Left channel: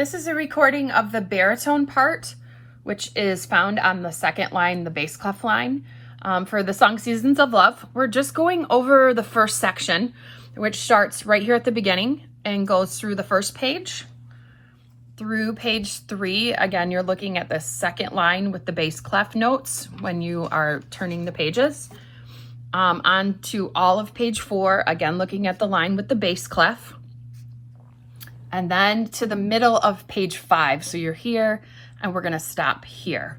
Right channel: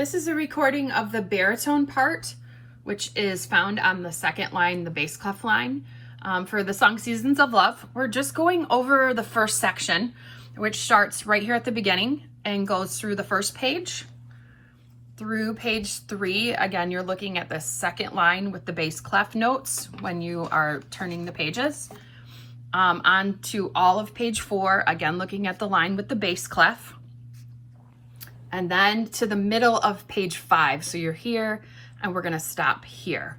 This is a recording of the baritone part, which is found on the second line, the bass clef line, for the song Seasons of Love. We're just going over the first section, which starts right here at the beginning and goes through the first page through page 3. Again, you're looking at the second line with the bass clef notes when you are turning the pages. On to all of page 4, again, looking at the line with the bass clef. And then to the middle of page 5. So you're here and we're gonna stop here.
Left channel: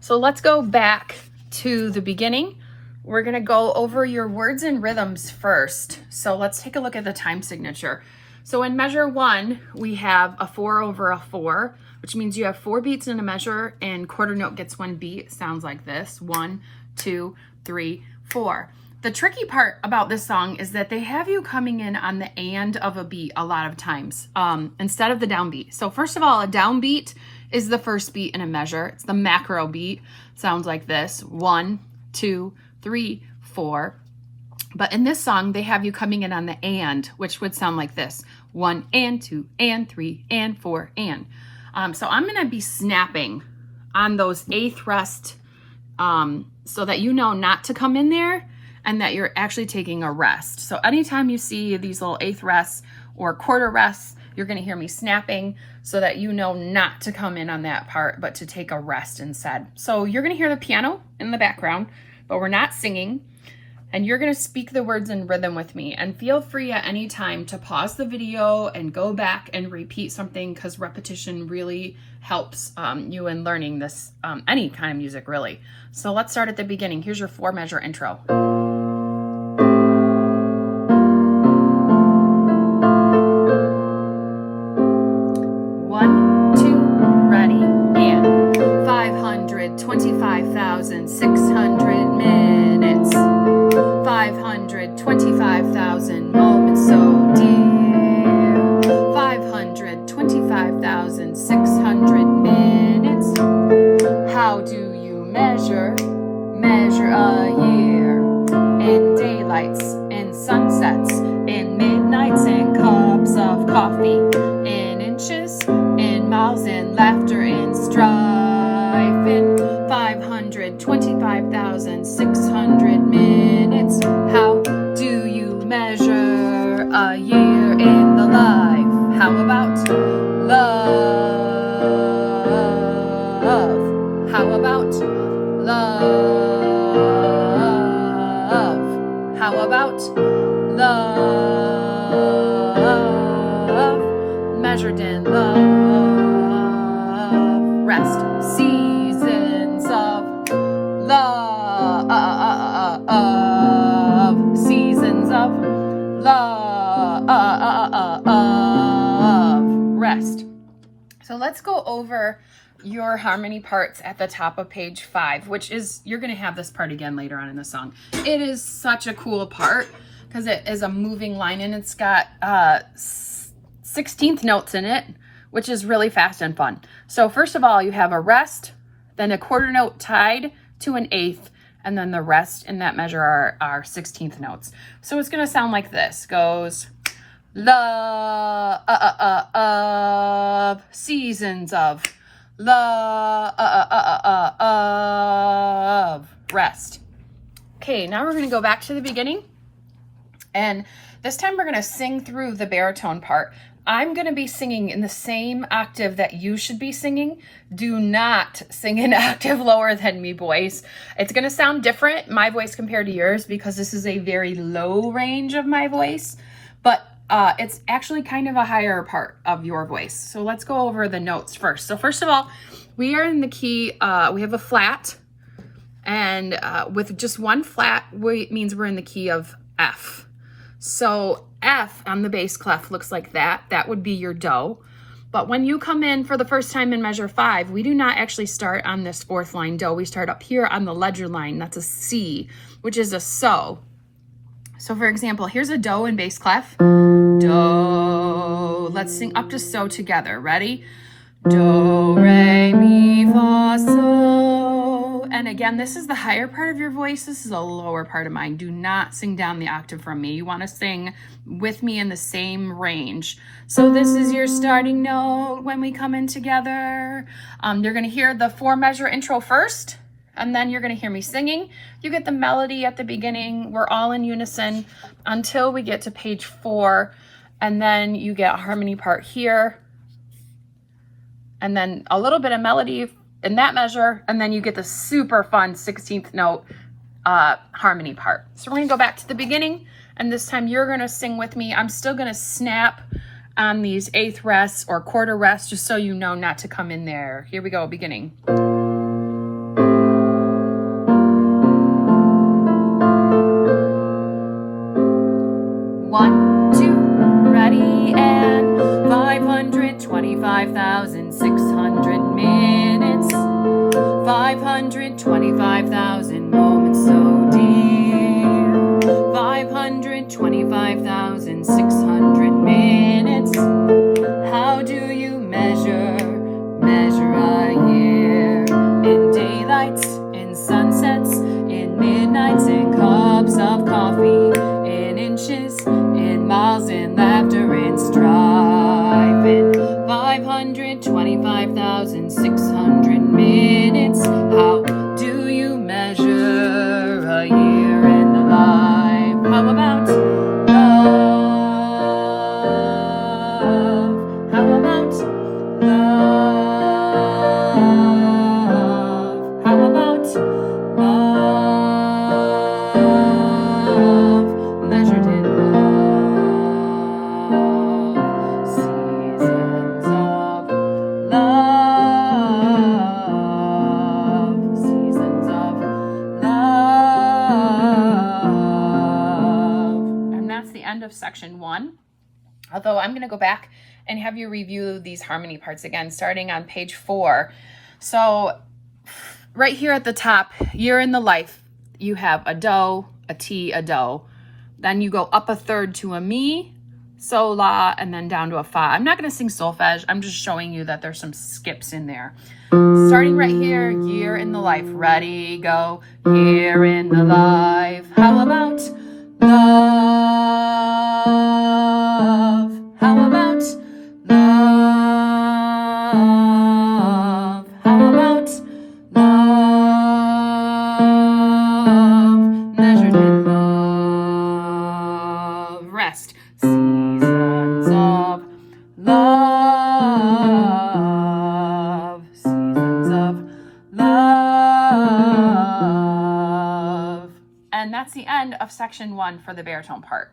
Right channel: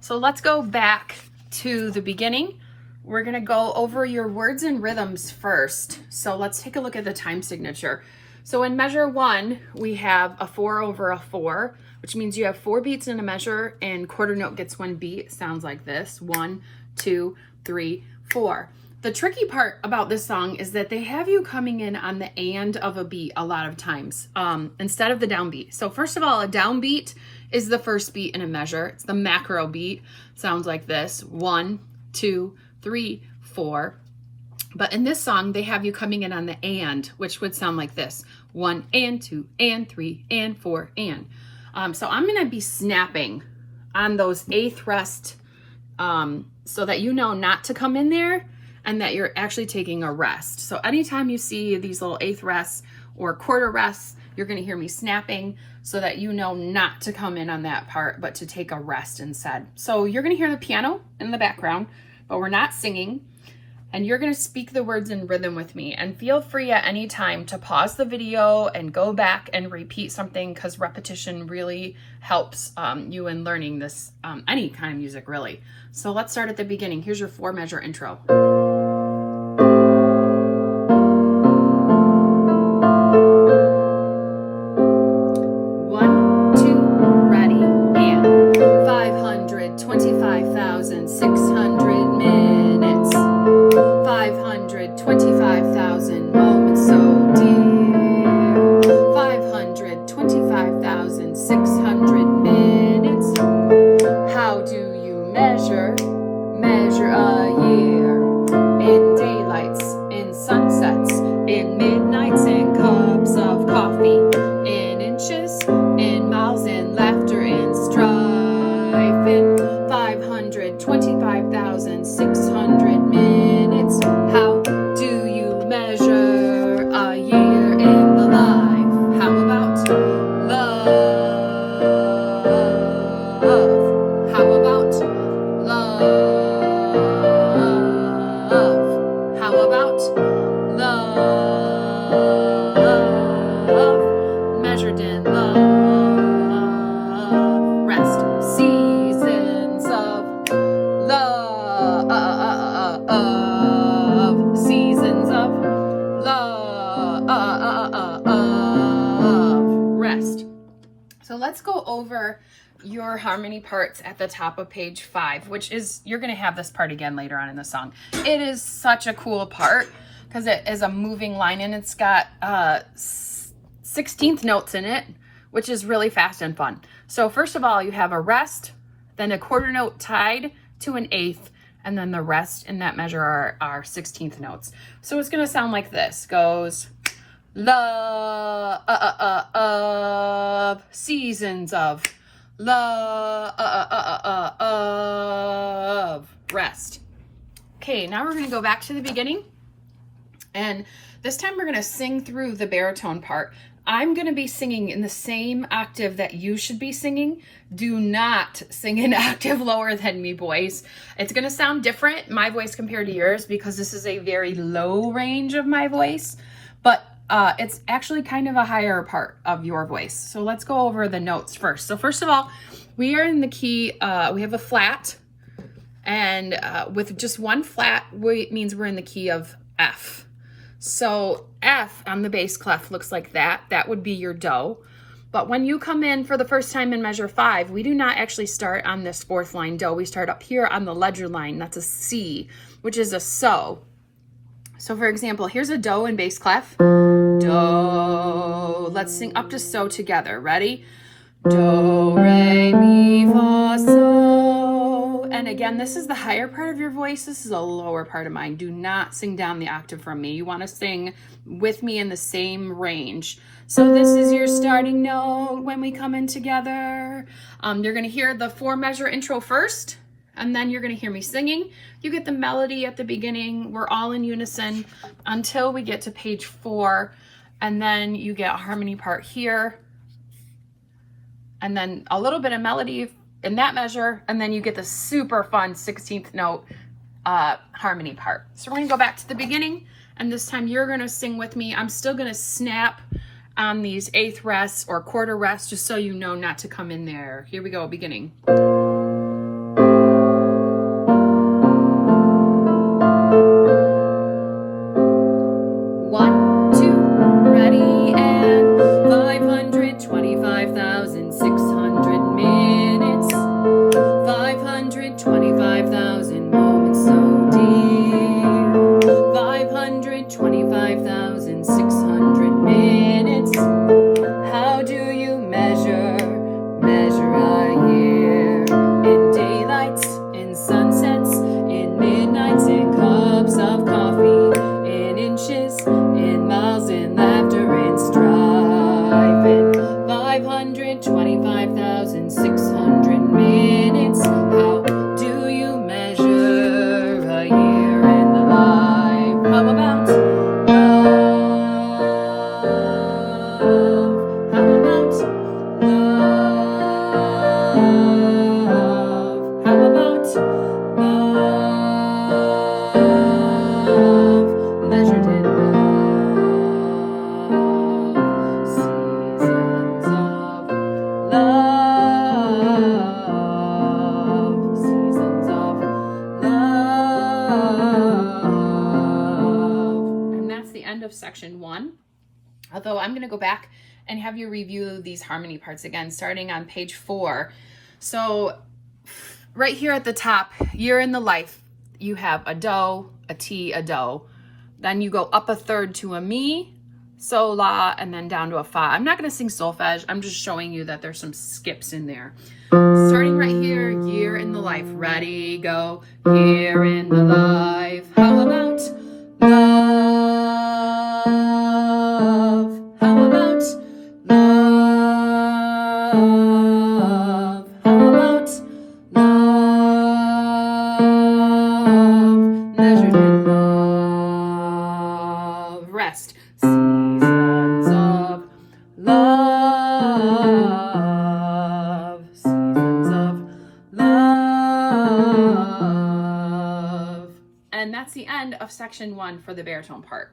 So let's go back to the beginning. We're gonna go over your words and rhythms first. So let's take a look at the time signature. So in measure 1, we have a 4 over a 4, which means you have 4 beats in a measure and quarter note gets 1 beat. It sounds like this: 1, 2, 3, 4. The tricky part about this song is that they have you coming in on the and of a beat a lot of times, instead of the downbeat. So first of all, a downbeat is the first beat in a measure. It's the macro beat. Sounds like this: 1, 2, 3, 4. But in this song, they have you coming in on the and, which would sound like this: 1 and 2 and 3 and 4 and. So I'm gonna be snapping on those eighth rest so that you know not to come in there and that you're actually taking a rest. So anytime you see these little eighth rests or quarter rests, you're gonna hear me snapping so that you know not to come in on that part, but to take a rest instead. So you're gonna hear the piano in the background, but we're not singing. And you're gonna speak the words in rhythm with me. And feel free at any time to pause the video and go back and repeat something, because repetition really helps you in learning this, any kind of music really. So let's start at the beginning. Here's your 4 measure intro. 1, 2, ready, and 525,600 minutes. 525,000 moments so dear. 525,600 minutes. How do you measure a year? In daylights, in sunsets, in midnights, in cups of coffee, in inches, in miles, in laughter, in strife, in 525,600 minutes. How do you measure a year in the life? How about love? How about love? How about love? Measured in love. Rest. Seasons of love. Seasons of love. Rest. So let's go over your harmony parts at the top of page 5, which is, you're going to have this part again later on in the song. It is such a cool part because it is a moving line and it's got 16th notes in it, which is really fast and fun. So first of all, you have a rest, then a quarter note tied to an eighth, and then the rest in that measure are 16th notes. So it's going to sound like this. Goes love, seasons of love, rest. Okay, now we're going to go back to the beginning, and this time we're going to sing through the baritone part. I'm going to be singing in the same octave that you should be singing. Do not sing an octave lower than me, boys. It's going to sound different, my voice compared to yours, because this is a very low range of my voice, but it's actually kind of a higher part of your voice. So let's go over the notes first. So first of all, we are in the key, we have a flat, and with just one flat, it means we're in the key of F. So F on the bass clef looks like that. That would be your do. But when you come in for the first time in measure 5, we do not actually start on this 4th line do. We start up here on the ledger line. That's a C, which is a so. So for example, here's a do in bass clef. Do. Let's sing up to so together. Ready? Do, re, mi, fa, so. And again, this is the higher part of your voice. This is a lower part of mine. Do not sing down the octave from me. You want to sing with me in the same range. So this is your starting note when we come in together. You're going to hear the 4-measure intro first, and then you're going to hear me singing. You get the melody at the beginning. We're all in unison until we get to page 4, and then you get a harmony part here, and then a little bit of melody in that measure, and then you get the super fun 16th note harmony part. So we're gonna go back to the beginning, and this time you're gonna sing with me. I'm still gonna snap on these 8th rests or quarter rests, just so you know not to come in there. Here we go, beginning. 1, 2, ready, and 525,600 minutes, 525,000 moments so dear, 525,600 minutes. How do you measure a year? In daylights, in sunsets, in midnights, in cups of coffee, in inches, in miles, in laughter, in strife, in 525,600 minutes. How do you measure a year in the life? How about love? How about love? How about love measured in love? Seasons of love, seasons of love. And that's the end of section 1. Although I'm going to go back and have you review these harmony parts again, starting on page 4. So right here at the top, year in the life, you have a do, a ti, a do. Then you go up a third to a mi, sol, la, and then down to a fa. I'm not going to sing solfege. I'm just showing you that there's some skips in there. Starting right here, year in the life. Ready, go. Year in the life. How about love? How about love? How about love measured in love? Rest. Seasons of love, seasons of love. And that's the end of section 1 for the baritone part.